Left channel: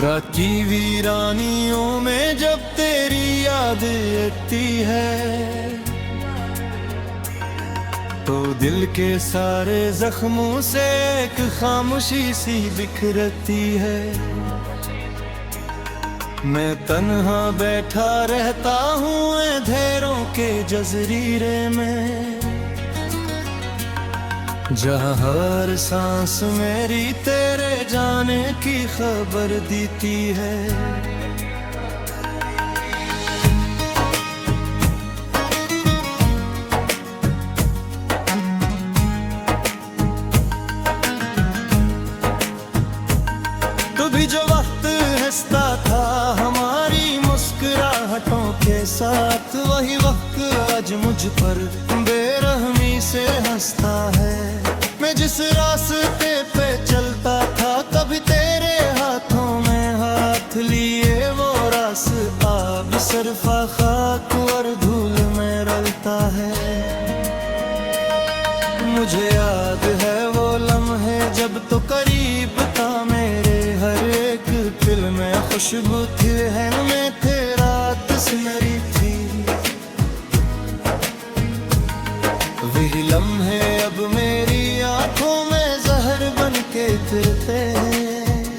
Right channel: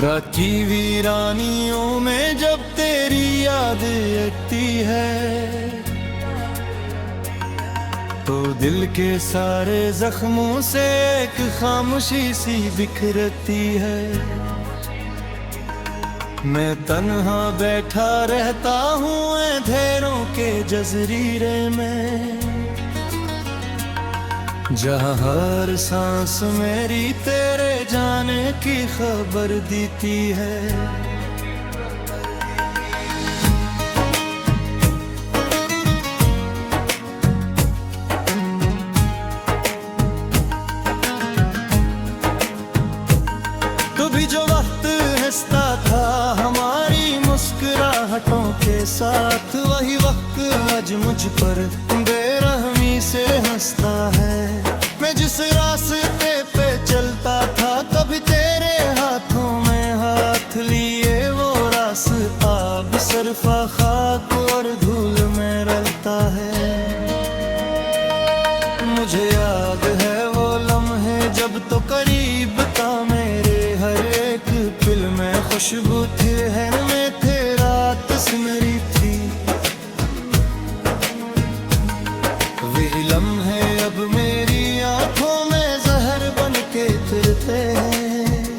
रात की वीरानियों में जब तेरी याद आती है तो दिल के सारे जख्मों से एक खामोशी सी बिखरती है। मैं तन्हा बैठा रहता हूँ अंधेरों के जज़ीरे में, जहाँ हर सांस मेरी तेरे जाने की खबर देती है। तो भी जो वक्त हंसता था हमारी मुस्कुराहटों के साथ, वही वक्त आज मुझ पर बेरहमी से हंसता है। मैं जिस रास्ते पे चलता था कभी तेरे हाथों में हाथ लिए, वो रास्ता अब सरफा खाक और धूल में रलता है। मुझे याद है वो लम्हे जब तो करीब था मेरे, हर एक पिल में खुशबू थी, रहन में थे रात सिमरी थी। वही लम्हे अब मेरी आंखों में जहर बन के फिरते हैं,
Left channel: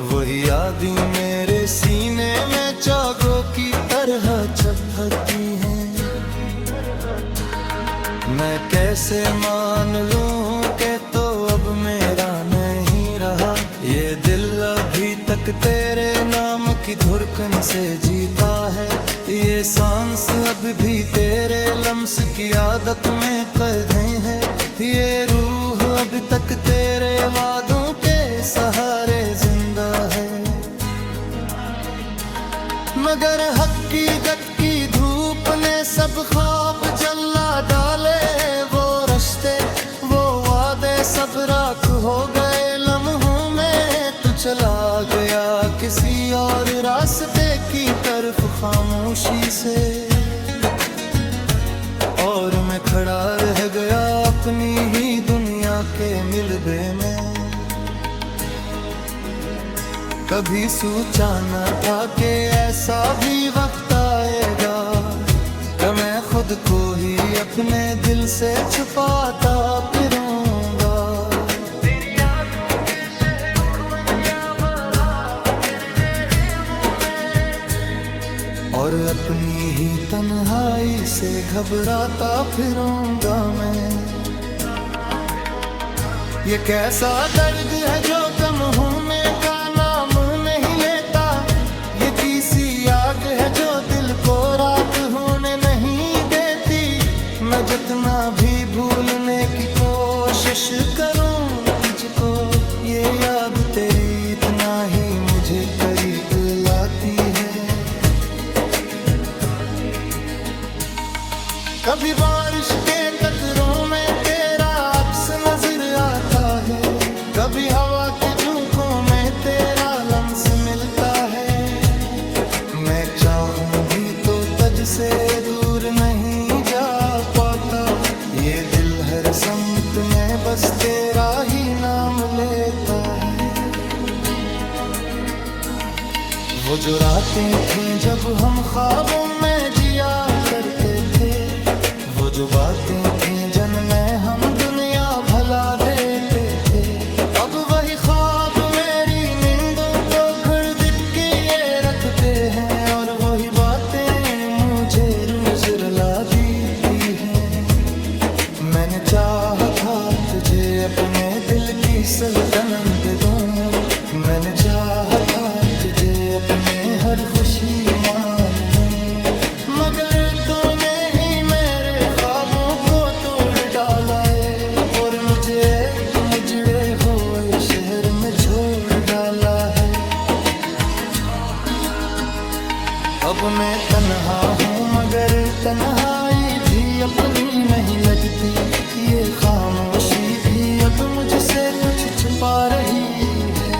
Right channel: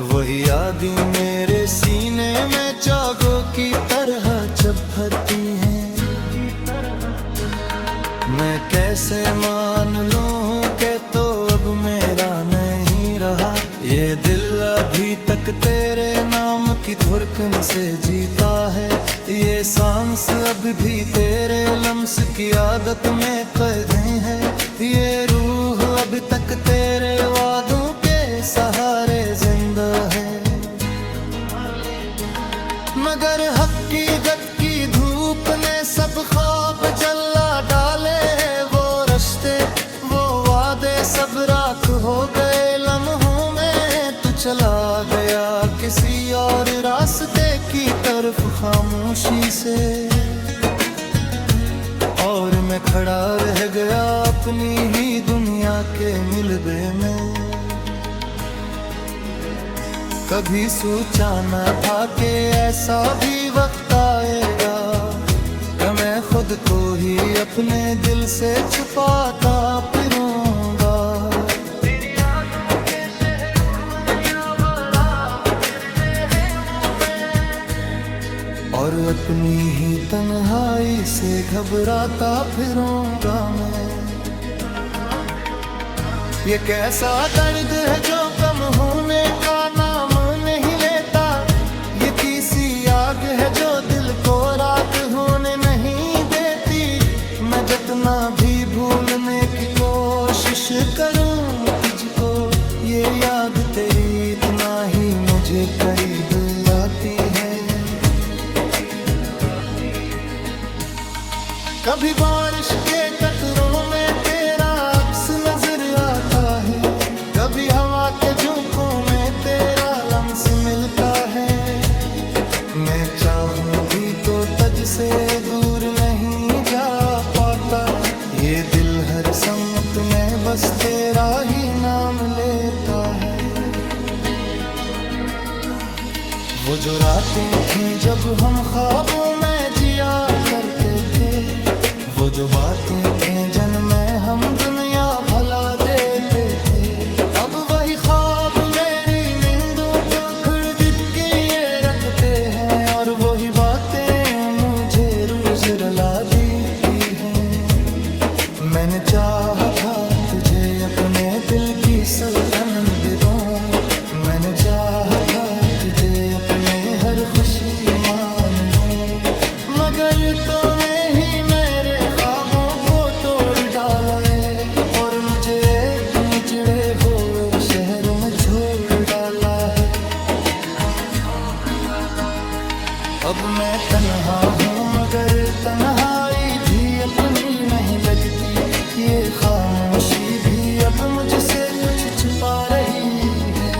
वही यादें मेरे सीने में चागों की तरह चुभती हैं। मैं कैसे मान लूं कि तो अब मेरा नहीं रहा, ये दिल अभी तक तेरे नाम की धड़कन से जीता है। ये सांस अब भी तेरे लम्स की आदत में कैद है, ये रूह अब तक तेरे वादों के सहारे जिंदा है। मगर हकीकत की धूप ने सब ख्वाब जला डाले, वो रिश्ते वो वादे सब राख हो गए लम्हों में। तू चला गया किसी और रास्ते की तरफ खामोशी से, और मैं खड़ा रह गया अपनी ही दुनिया के मिलबे में। कभी सोचा न था कि ऐसा भी वक्त आएगा कि मैं खुद को ही अपने दिल से छुपाता फिरूंगा। तेरी यादों के शहर उर्मनिया बराबर तेरे में, और अपनी ही तन्हाई से घबराता फिरूंगा मैं। ये कैसा दर्द है जो कम होने का नाम नहीं लेता, ये किसी आग है जो दिल को राख होने नहीं देती। मैं जितना भी भूलने की कोशिश करूं तुझको, ये याद तेरी इतना ही मुझे करीब लाती है। कभी बारिश के कतरों में तेरा अक्स नजर आता है, कभी हवा के झोंकों में तेरा लम्स मिलता है। मैं चाहूं भी तो तुझ से दूर नहीं जा पाता, ये दिल हर सम्मत में बस तेरा ही नाम लेता है। वो जो रातें थीं जब हम ख्वाबों में जिया करते थे, वो जो बातें थीं जिनमें हम दुनिया भला देते थे, अब वही ख्वाब मेरी नींदों को घुड़घुड़ के ये रखते हैं। और वही बातें मुझे रोज रुला देती हैं। मैंने चाहा था तुझे अपने दिल की सल्तनत दे दूं, मैंने चाहा था तुझे अपने हर खुशी मान लूं, मगर तूने ही मेरे ख्वाबों को तोड़ डाला है, और मुझे एक मुजड़े हुए शहर में छोड़ डाला है। अब मैं तन्हा हूँ मगर तन्हाई भी अपनी नहीं लगती, ये खामोशी भी अब मुझसे कुछ छुपा रही है।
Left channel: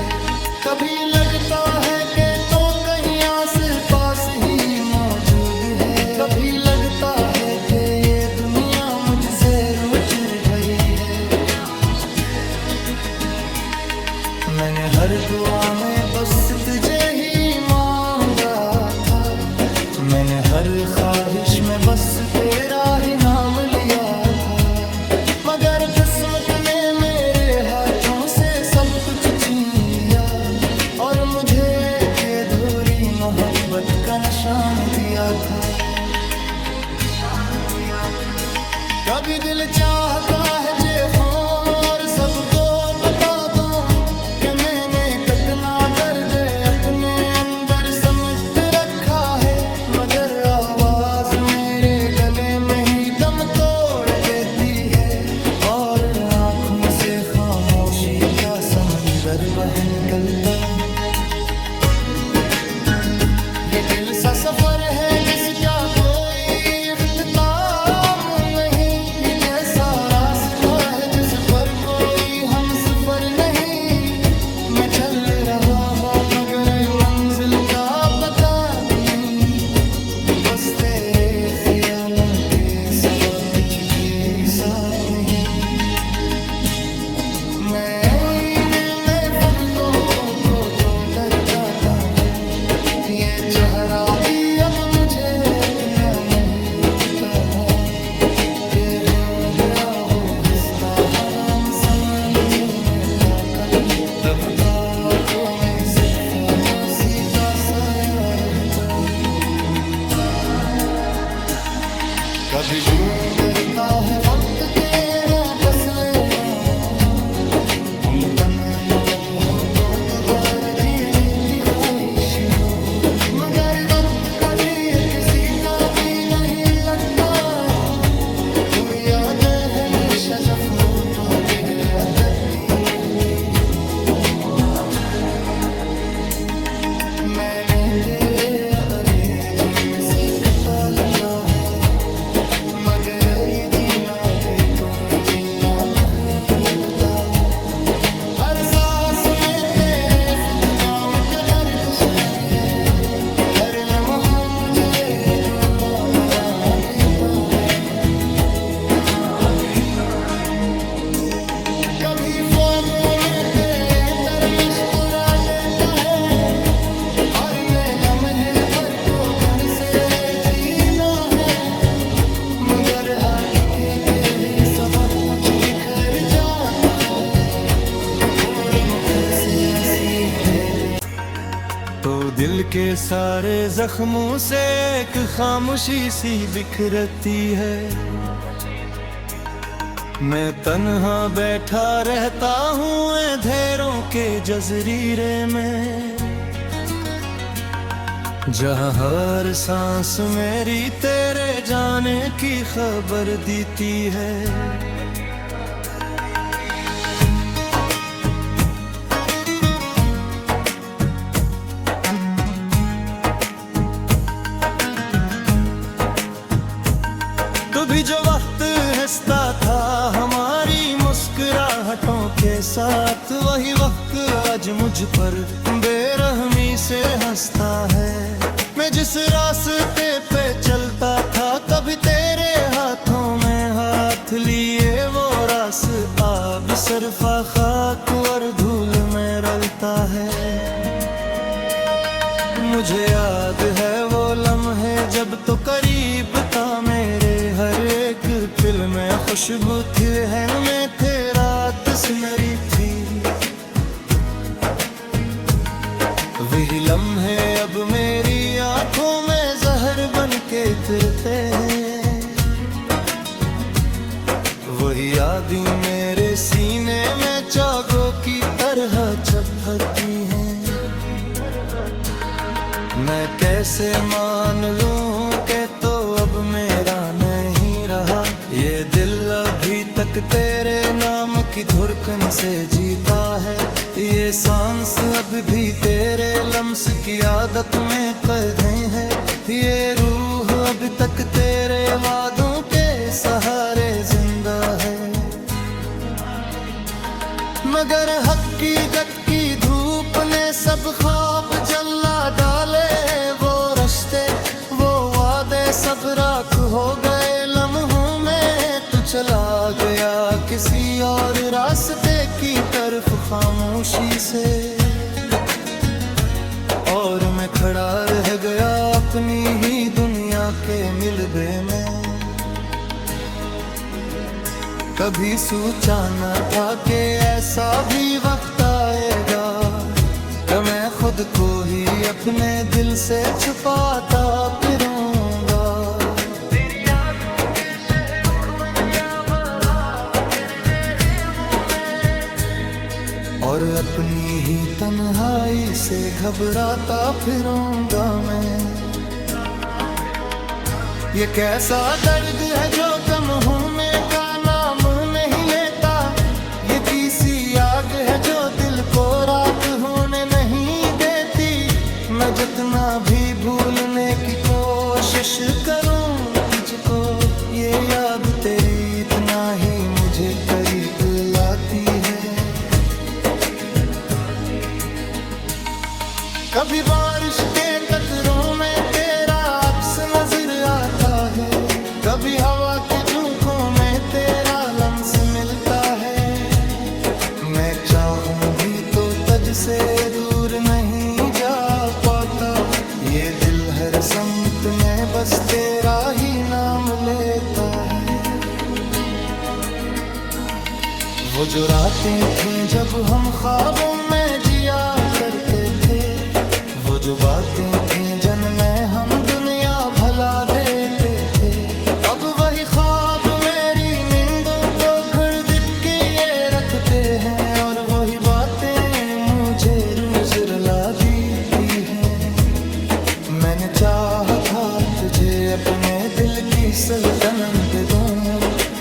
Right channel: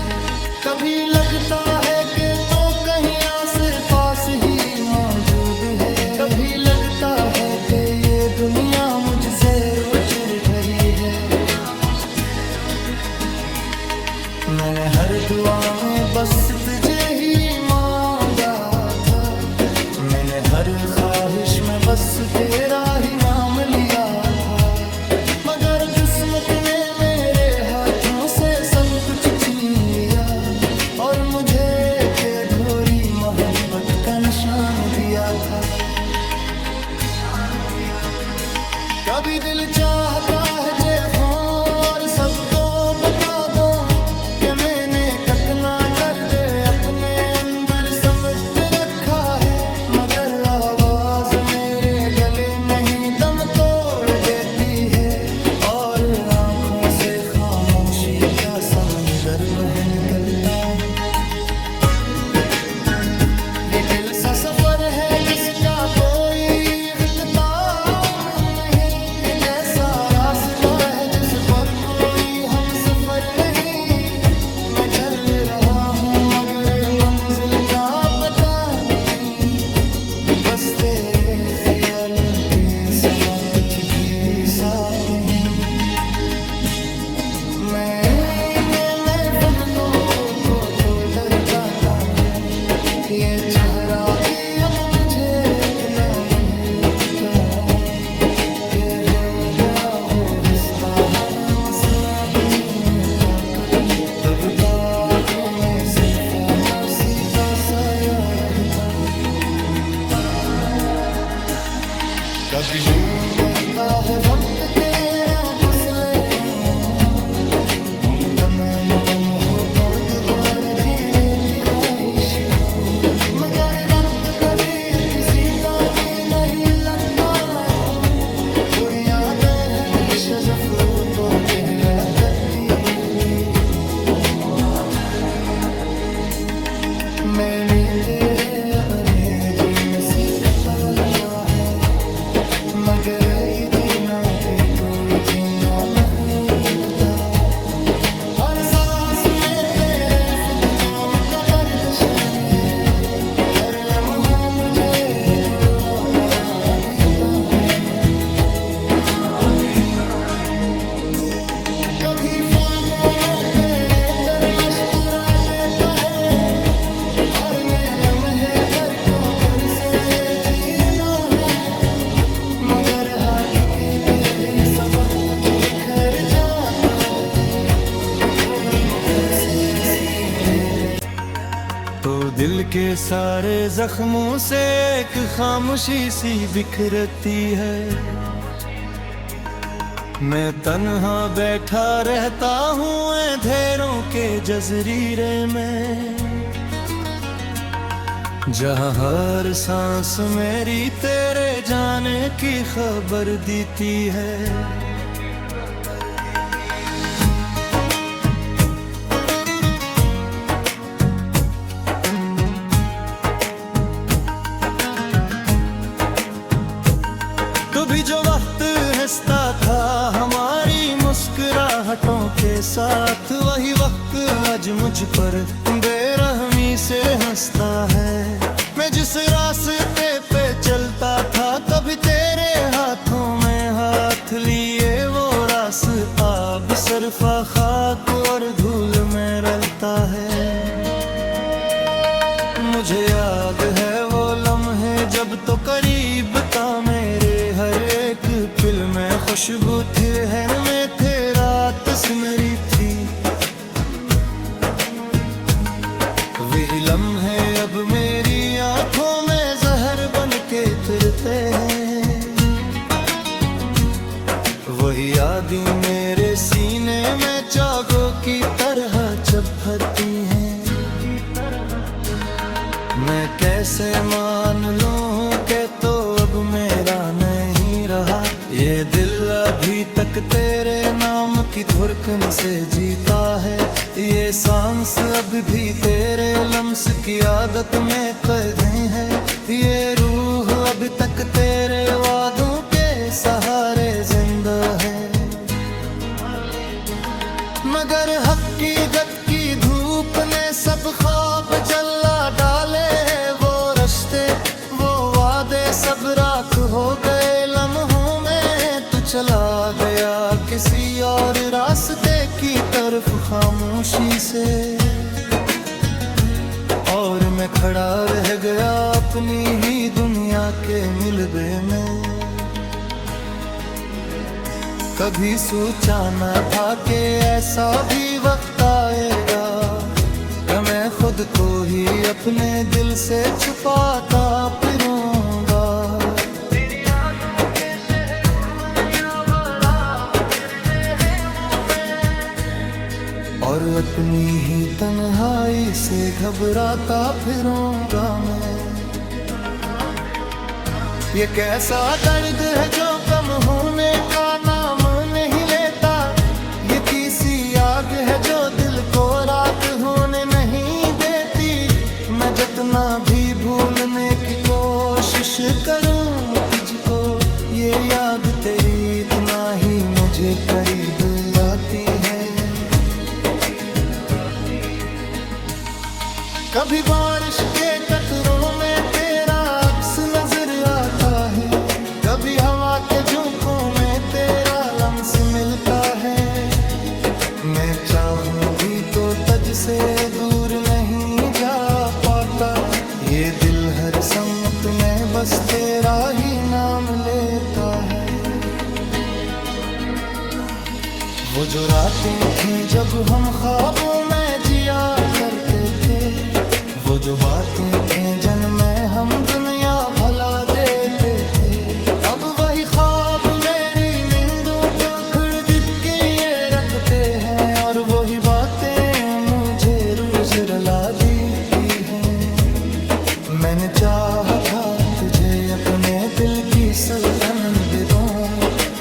कभी लगता है कि तो कहीं आस पास ही मौजूद है, कभी लगता है कि ये दुनिया मुझसे रूठ गई है। मैंने हर दुआ में बस तुझे ही मांगा था, मैंने हर ख्वाहिश में बस तेरा ही नाम लिया था। मगर किस्मत ने मेरे हाथों से सब कुछ छीन लिया और मुझे एक अधूरी मोहब्बत का निशान दिया था। कभी दिल चाहता है चेखों और सबको बता दो कि मैंने कितना दर्द अपने अंदर समेट रखा है, मगर आवाज मेरे गले में ही दम तोड़ देती है और आंखों से खामोशी का समंदर बह निकलता। ये दिल सा सफर है जिसका कोई इख्तिताम नहीं, ये कैसा रास्ता है जिस पर कोई हम सफर नहीं। मैं चल रहा हूँ मगर मंजिल का पता नहीं, बस तेरे ख्यालों के सिवा कुछ भी साथ नहीं। मैं फुर्सतों को तो डर जाता हूँ, ये चेहरा भी अब मुझे इतना नहीं लगता कि हो गया वो हंसता हराम सलाम छूने ताकत, तब ताकों में सिर्फ सीता साया रहता है। कभी वो डरता है वक्त तेरा फसले हम तमाम कम हो तो दोबारा जीने की ख्वाहिश हो, मगर वक्त कभी किसी का भी नहीं लगता। बुरिया बेहमीशा जफरो चेहरा तकती रहती। मैंने तेरे अरेजी में सीखता लिखा है, मगर ये जीना भी तो जीना नहीं। हर सांस में तेरे खुद काम तबर्द शाने है, हर लम्हा मुझे दूरा बना देता है। कभी ख्वाबों में तेरे मुस्कुरा देता है और मैं लम्हे पर को पर से जीना है, मगर हाथ खेते ही सबक कुछ बिखर जाता है। और मुखर से हंसी मैंने तो दिल के सारे जख्मों से एक खामोशी सी बिखरती है। मैं तन्हा बैठा रहता हूँ अंधेरों के जज़ीरे में, जहाँ हर सांस मेरी तेरे जाने की खबर देती है। कभी जो वक्त हंसता था हमारी मुस्कुराहटों के साथ, वही वक्त आज मुझ पर बेरहमी से हंसता है। मैं जिस रास्ते पे चलता था कभी तेरे हाथों में हाथ लिए, वो रास्ता अब सरफा खाक और धूल में रलता है। मुझे याद है वो लम्हे जब तो करीब था मेरे, हर एक पिल में खुशबू थी, रहन में थे रात सुनहरी थी। वही लम्हे अब मेरी आंखों में जहर बन के फिरते हैं, वही यादें मेरे सीने में चागों की तरह चुभती हैं। मैं कैसे मान लूं कि तो अब मेरा नहीं रहा, ये दिल अभी तक तेरे नाम की धड़कन से जीता है। ये सांस अब भी तेरे लम्स की आदत में कैद है, ये रूह अब तक तेरे वादों के सहारे जिंदा है। मगर हकीकत की धूप ने सब ख्वाब जला डाले, वो रिश्ते वो वादे सब राख हो गए लम्हों में तुझ चला गया किसी और रास्ते की तरफ खामोशी से, और मैं खड़ा रह गया अपनी ही दुनिया के मिलबे में। कभी सोचा न था कि ऐसा भी वक्त आएगा कि मैं खुद को ही अपने दिल से छुपाता फिरूंगा। तेरी यादों के शहर उर्मनिया बराबर रहे वो मैं, और अपनी ही तन्हाई से घबराता फिरूंगा मैं। ये कैसा दर्द है जो कम होने का नाम नहीं लेता, ये किसी आग है जो दिल को राख होने नहीं देती। मैं जितना भी भूलने की कोशिश करूं तुझको, ये याद तेरी इतना ही मुझे करीब लाती है। कभी बारिश के कतरों में तेरा अक्स नजर आता है, कभी हवा के झोंकों में तेरा लम्स मिलता है। मैं चाहूं भी तो तुझ से दूर नहीं जा पाता, ये दिल हर सम्मत में बस तेरा ही नाम लेता है। वो जो रातें थीं जब हम ख्वाबों में जिया करते थे, वो जो बातें थीं जिनमें हम दुनिया भला देते थे, अब वही ख्वाब मेरी नींदों को घुड़घुड़ के ये रखते हैं, और वही बातें मुझे रोज रुला देती हैं। मैंने चाहा था तुझे अपने दिल की सल्तनत दे दूं,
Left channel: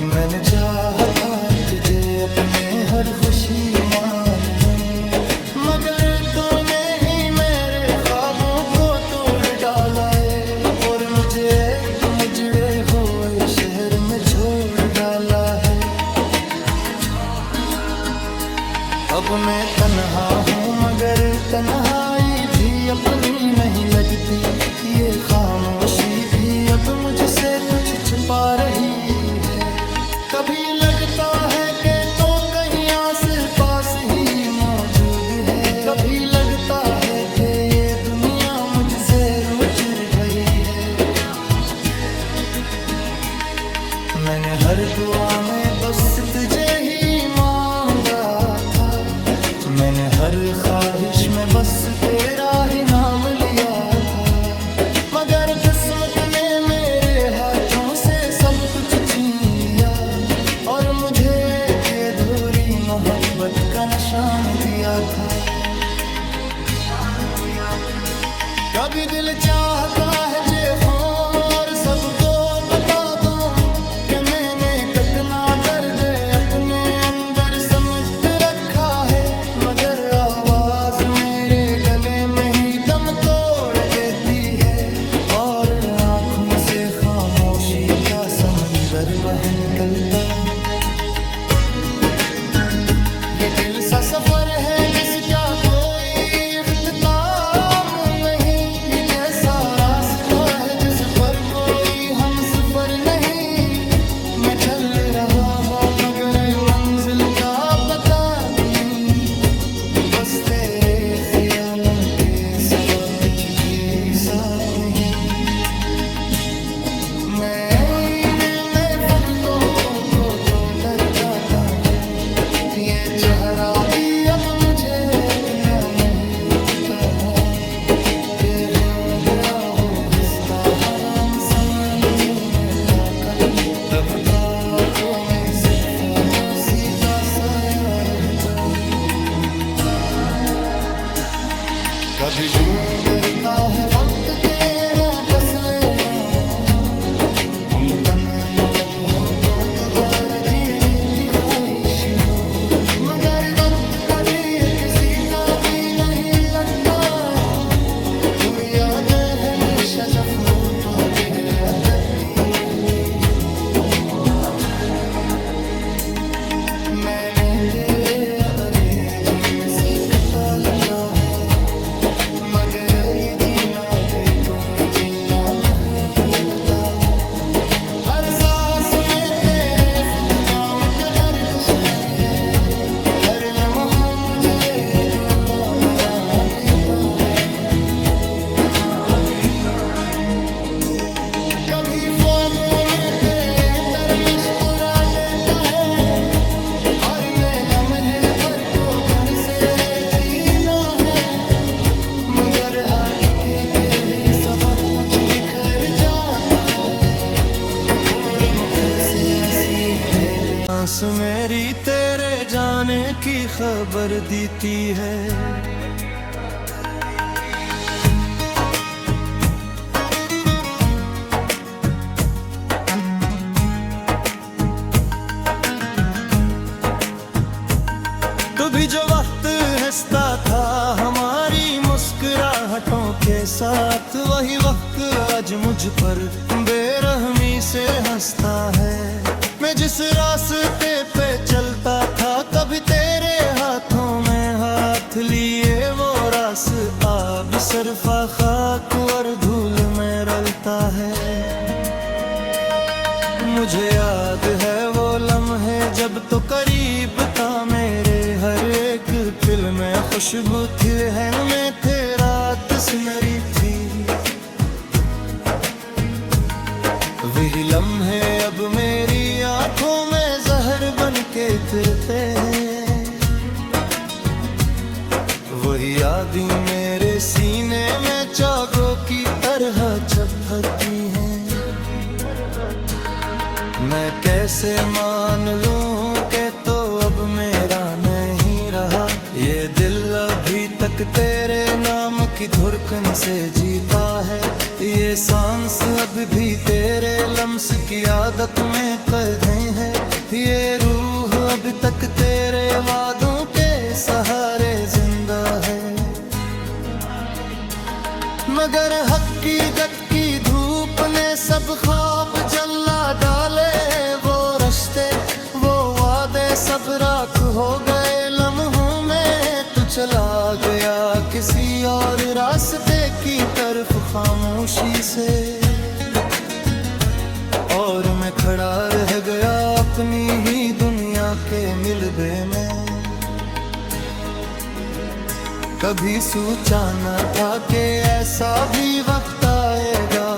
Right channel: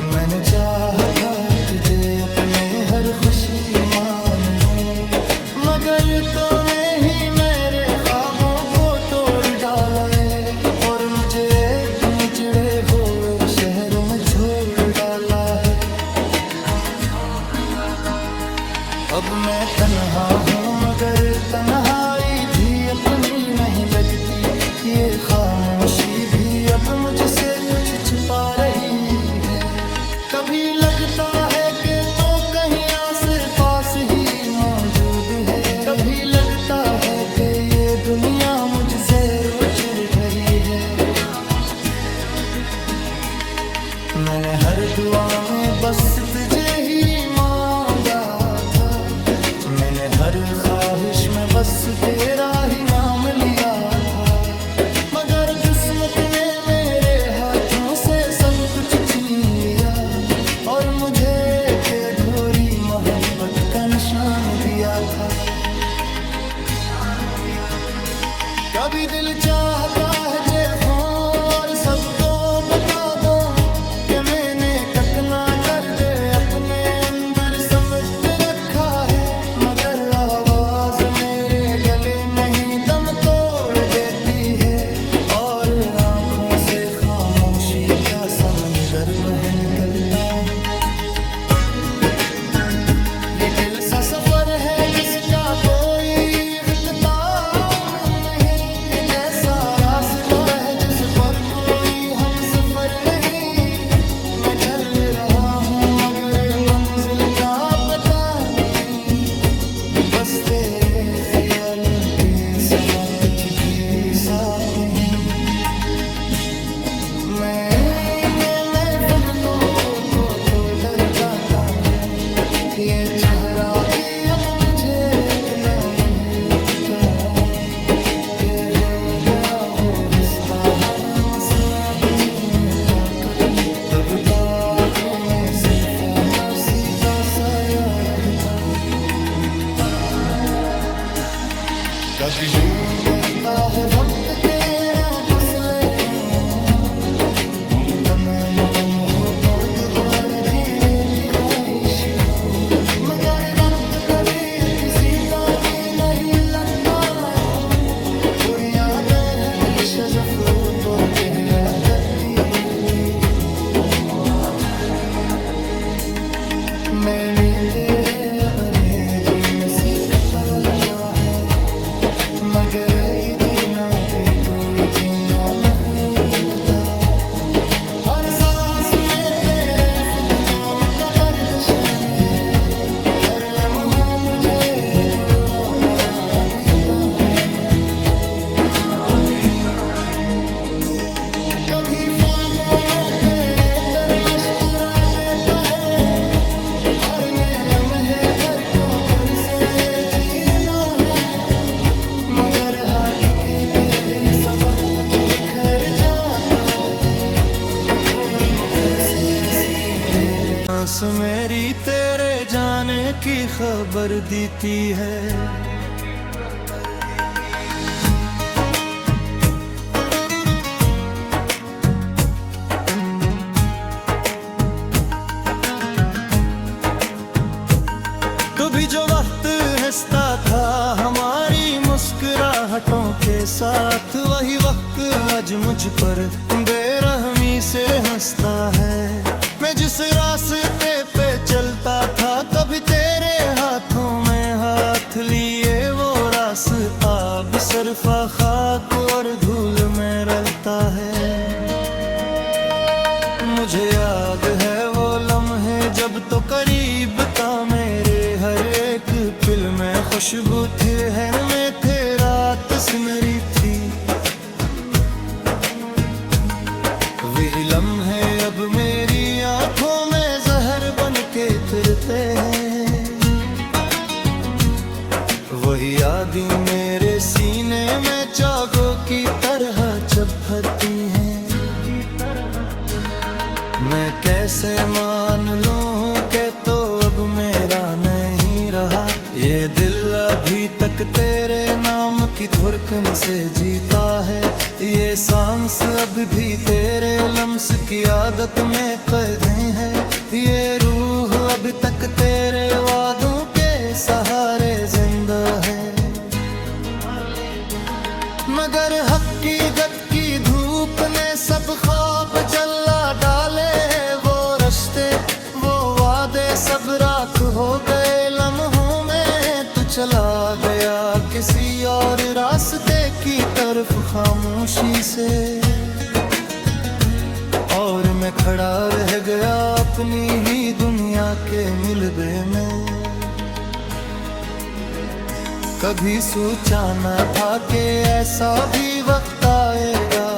मैंने चाहा था तुझे अपने हर खुशी मान लूं, मगर तूने ही मेरे ख्वाबों को तोड़ डाला है, और मुझे एक मुजड़े हुए शहर में छोड़ डाला है। अब मैं तन्हा हूँ मगर तन्हाई भी अपनी नहीं लगती, ये खामोशी भी अब मुझसे कुछ छुपा रही है। कभी लगता है कि तो कहीं आस पास ही मौजूद है, कभी लगता है कि ये दुनिया मुझसे रूठ गई है। मैंने हर दुआ में बस तुझे ही मांगा था, मैंने हर ख्वाहिश में बस तेरा ही नाम लिया था, मगर किस्मत ने मेरे हाथों से सब कुछ छीन लिया, और मुझे एक अधूरी मोहब्बत का निशान दिया था। कभी दिल चाहता है चेखों और सबको बता दो कि मैंने कितना दर्द अपने अंदर समेट रखा है, मगर आवाज मेरे गले में ही दम तोड़ देती है, और आँखों से खामोशी का समंदर बह निकलता। ये दिल सा सफर है जिसका कोई इख्तिताम नहीं, ये कैसा रास्ता है जिस पर कोई हम सफर नहीं। मैं चल रहा हूँ मगर मंजिल का पता नहीं, बस तेरे ख्यालों के सिवा कुछ भी साथ नहीं। मैं फुटकों को तो डर जाता हूँ, ये चेहरा भी अब मुझे इतना नहीं लगता, कि हो गया वो हंसता हराम सलाम चुने ताकत, तब ताकों में सिर्फ काशी का साया रहता है। कभी गुजरता है वक्त तेरा फसले हम तमाम कम हो तो दोबारा जीने की ख्वाहिश हो, मगर वक्त कभी किसी का भी नहीं लगता, बुरी यादें हमेशा जफरो चेहरा तकती रहती। मैंने तेरे अरेंज में सीखता लिखा है, मगर ये जीना भी कोई जीना नहीं लगता। हर सांस में तेरे निशाने हैं, हर लम्हा मुझे दूरा बना देता है। कभी ख्वाबों में तेरे मुस्कुरा देता है, और मैं लम्हे पर को पर से छीना है, मगर हाथ खेते हैं सबक कुछ बिखर जाता है, और मुखर से असली मैंने सांस मेरी तेरे जाने की खबर देती है। कभी जो वक्त हंसता था हमारी मुस्कुराहटों के साथ, वही वक्त आज मुझ पर बेरहमी से हंसता है। मैं जिस रास्ते पे चलता था कभी तेरे हाथों में हाथ लिए, वो रास्ता अब सरफा खाक और धूल में रलता है। मुझे याद है वो लम्हे जब तो करीब था मेरे, हर एक फिल्म में खुशबू थी, रहन में थे रात सुनहरी थी। वही लम्हे अब मेरी आंखों में जहर बन के फिरते हैं, वही यादें मेरे सीने में चागों की तरह चुभती हैं। मैं कैसे मान लूं कि तो अब मेरा नहीं रहा, ये दिल अभी तक तेरे नाम की धड़कन से जीता है, ये सांस अब भी तेरे लम्स की आदत में कैद है, ये रूह अब तक तेरे वादों के सहारे जिंदा है। मगर हकीकत की धूप ने सब ख्वाब जला डाले, वो रिश्ते वो वादे सब राख हो गए लम्हों में। तू चला गया किसी और रास्ते की तरफ खामोशी से, और मैं खड़ा रह गया अपनी ही दुनिया के मिलबे में। कभी सोचा न था कि ऐसा भी वक्त आएगा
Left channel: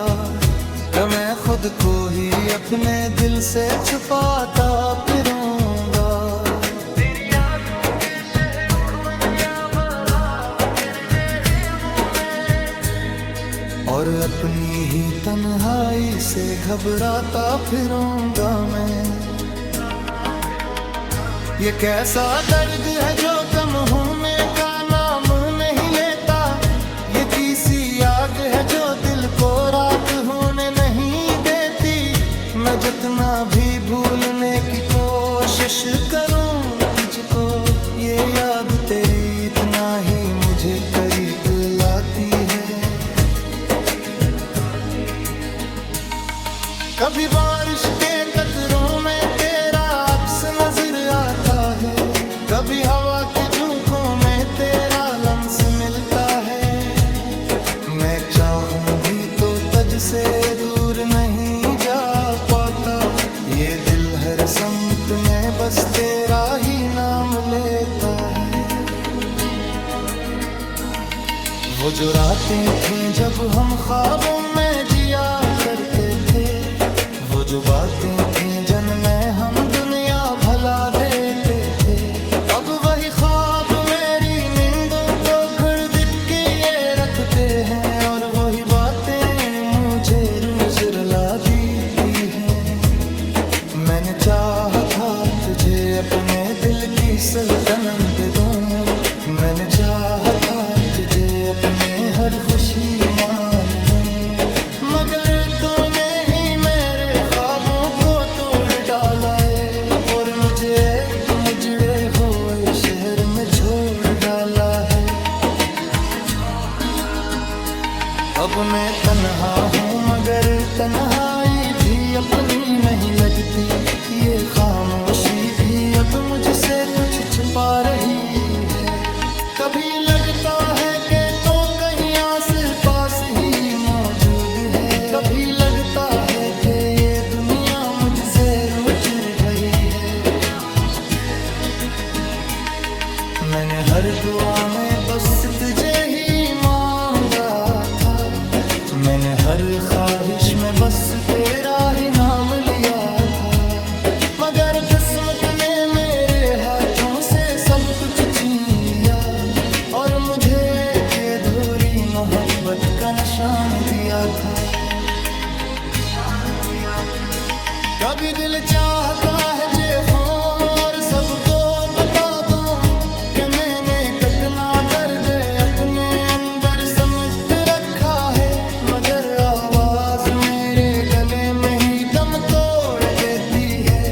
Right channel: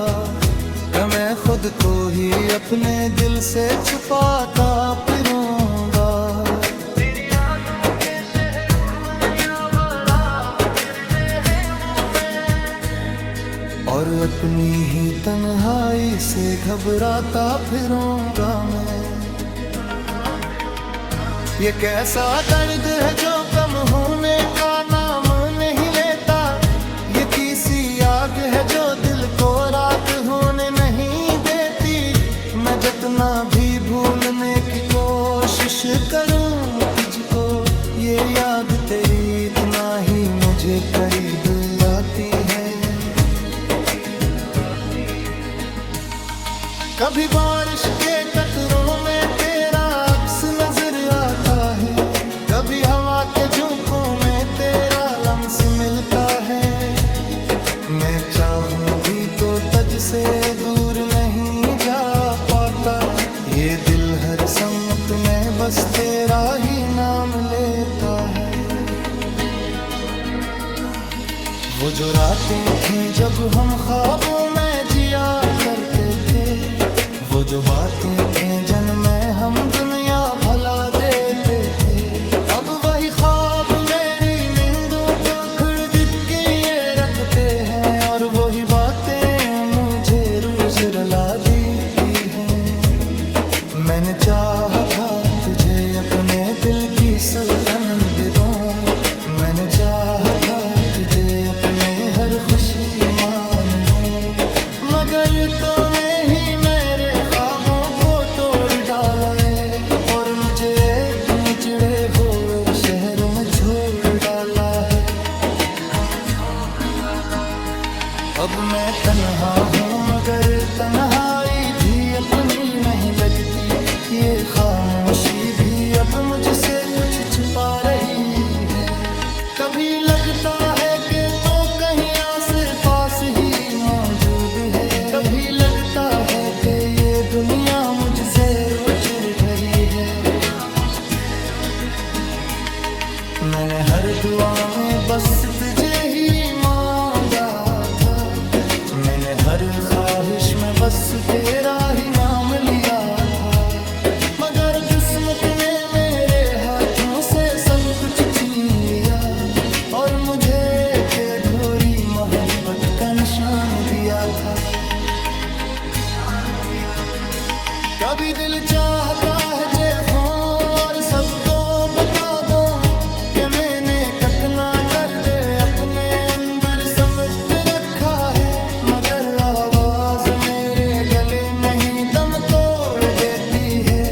कि मैं खुद को ही अपने दिल से छुपाता फिरूंगा। तेरी यादों के शहर उर्मनिया बराबर तेरे मुंह में, और अपनी ही तन्हाई से घबराता फिरूंगा मैं। ये कैसा दर्द है जो कम होने का नाम नहीं लेता, ये किसी आग है जो दिल को राख होने नहीं देती। मैं जितना भी भूलने की कोशिश करूं तुझको, ये याद तेरी इतना ही मुझे करीब लाती है। कभी बारिश के कतरों में तेरा अक्स नजर आता है, कभी हवा के झोंकों में तेरा लम्स मिलता है। मैं चाहूं भी तो तुझ से दूर नहीं जा पाता, ये दिल हर सम्मत में बस तेरा ही नाम लेता है। वो जो रातें थीं जब हम ख्वाबों में जिया करते थे, वो जो बातें थीं जिनमें हम दुनिया भला देते थे, अब वही ख्वाब मेरी नींदों को घुड़घुड़ के ये रखते हैं, और वही बातें मुझे रोज रुला देती हैं। मैंने चाहा था तुझे अपने दिल की सल्तनत दे दूं, मैंने चाहा था तुझे अपने हर खुशी मान लूं, मगर तूने ही मेरे ख्वाबों को तोड़ डाला है, और मुझे एक मुजड़े हुए शहर में छोड़ डाला है। अब मैं तन्हा हूँ मगर तन्हाई भी अपनी नहीं लगती, ये खामोशी भी अब मुझसे कुछ छुपा रही है। कभी लगता है कि तो कहीं आस पास ही मौजूद है, कभी लगता है कि ये दुनिया मुझसे रूठ रही है। बस तुझे ही मांगा था। मैंने हर ख्वाहिश में बस तेरा ही नाम लिया था, मगर किस्मत ने मेरे हाथों से सब कुछ छीन लिया और मुझे के अधूरी मोहब्बत का निशान दिया था। कभी दिल चाहता है चेखों और सबको बता दो कि मैंने कितना दर्द अपने अंदर समेट रखा है, मगर आवाज मेरे गले में ही दम तोड़ देती है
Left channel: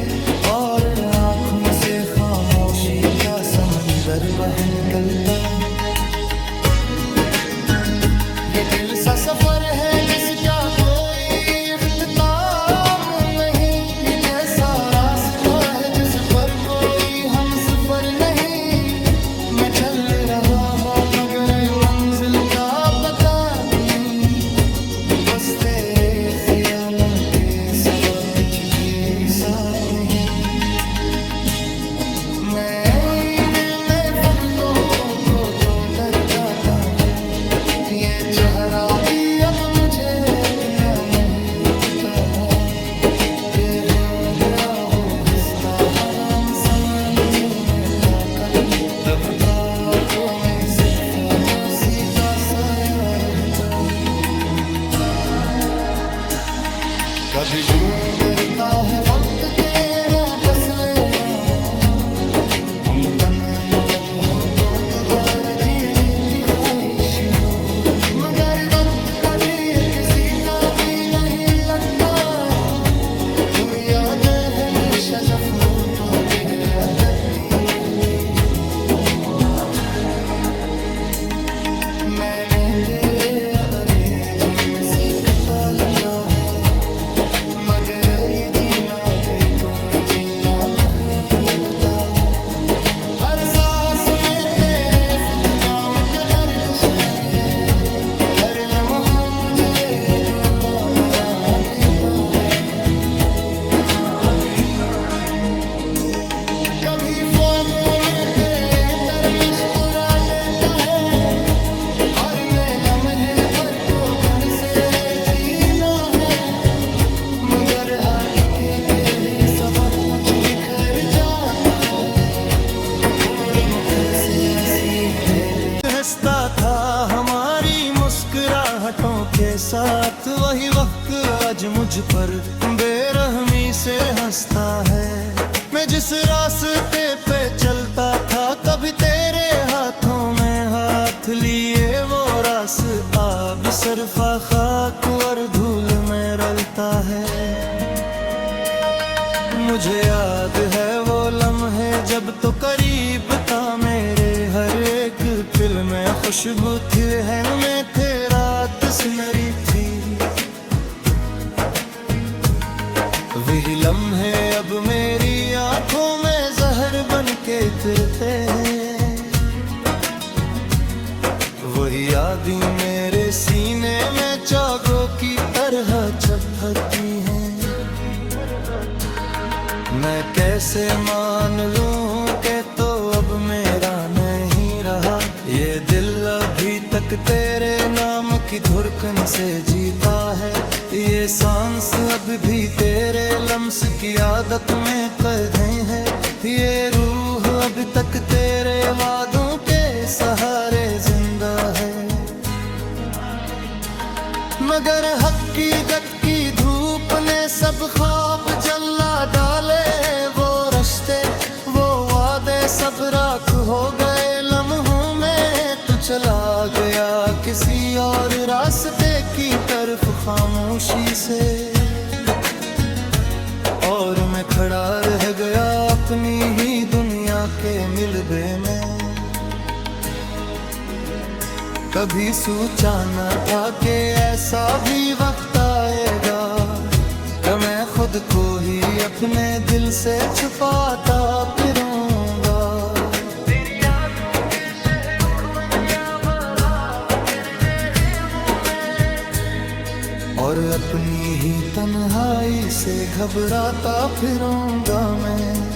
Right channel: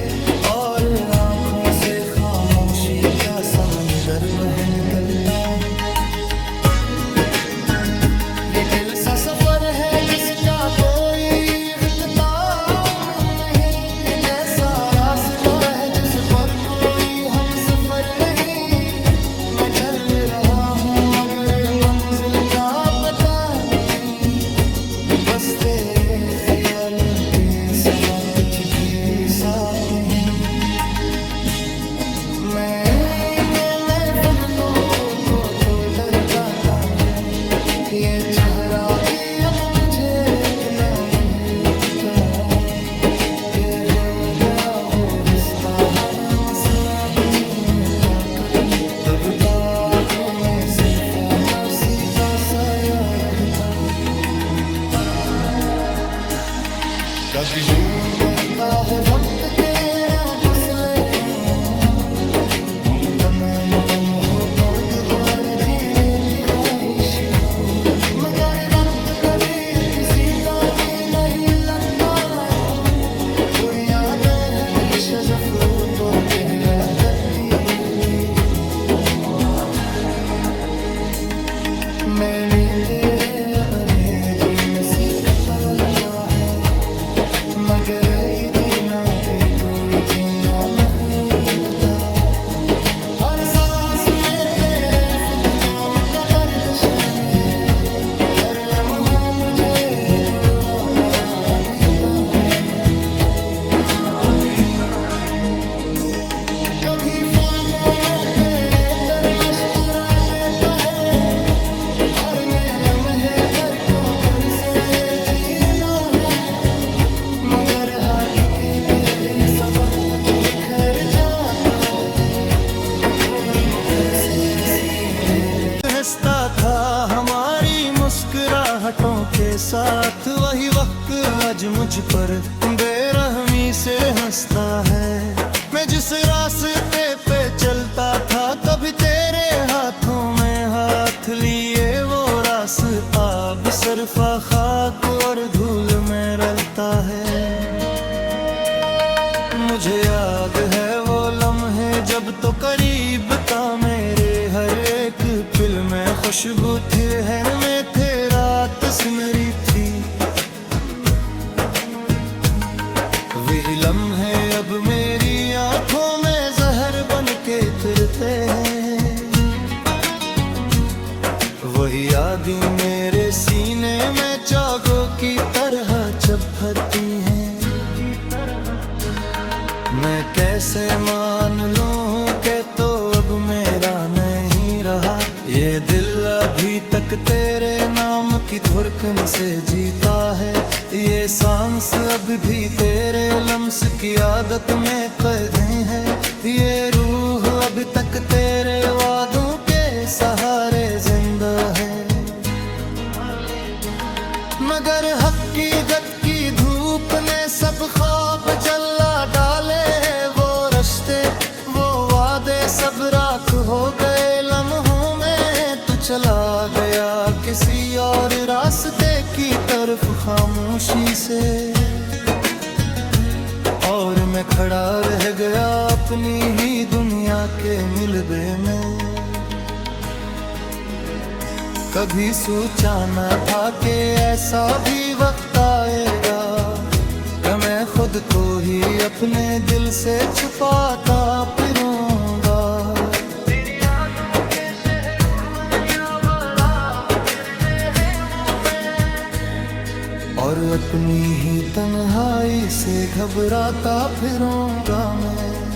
और आंखों से खामोशी का समंदर बह निकलता। ये दिल सा सफर है जिसका कोई इख्तिताम नहीं, ये कैसा रास्ता है जिस पर कोई हम सफर नहीं। मैं चल रहा हूँ मगर मंजिल का पता नहीं, बस तेरे ख्यालों के सिवा कुछ भी साथ नहीं। मैं फुर्सतों को तो डर जाता हूँ, ये चेहरा भी अब मुझे इतना नहीं लगता। ये हो गया वो हंसता हराम सवाल झूमे ताकत, तब ताकों में सिर्फ का सीता साया रहता है। कभी वो डरता है वक्त तेरा फसले हम तमाम कम हो तो दोबारा जीने की ख्वाहिश हो, मगर वक्त कभी किसी का भी नहीं लगता। बुरी यादें हमेशा जफ्रो गहरा तकती रहती। मैंने तेरे अंग्रेजी में सीखता लिखा है, मगर ये जीना भी कोई जीना नहीं होता। हर सांस में तेरे फुटकाम का बर्दशाने है, हर लम्हा मुझे दूरा बना देता है। कभी ख्वाबों में तेरे मुस्कुरा देता है और मैं लम्हे पर को पर से छीना है, मगर हाथ खेते हैं सबक कुछ बिखर जाता है और मुकर से असली मैंने हंसता था हमारी मुस्कुराहटों के साथ। वही वक्त आज मुझ पर बेरहमी से हंसता है। मैं जिस रास्ते पे चलता था कभी तेरे हाथों में हाथ लिए, वो रास्ता अब सरफा खाक और धूल में रलता है। मुझे याद है वो लम्हे जब तो करीब था मेरे, हर एक पिल में खुशबू थी, रहन में थे रात सुनहरी थी। वही लम्हे अब मेरी आंखों में जहर बन के फिरते हैं, वही यादें मेरे सीने में चागों की तरह चुभती हैं। मैं कैसे मान लूं कि तो अब मेरा नहीं रहा, ये दिल अभी तक तेरे नाम की धड़कन से जीता है। ये सांस अब भी तेरे लम्स की आदत में कैद है, ये रूह अब तक तेरे वादों के सहारे जिंदा है। मगर हकीकत की धूप ने सब ख्वाब जला डाले, वो रिश्ते वो वादे सब राख हो गए लम्हों में। तू चला गया किसी और रास्ते की तरफ खामोशी से, और मैं खड़ा रह गया अपनी ही दुनिया के मिलबे में। कभी सोचा न था कि ऐसा भी वक्त आएगा कि मैं खुद को ही अपने दिल से छुपाता फिरूंगा। तेरी यादों के शहर उर्मनिया बराबर रहे वो मैं, और अपनी ही तन्हाई से घबराता फिरूंगा मैं।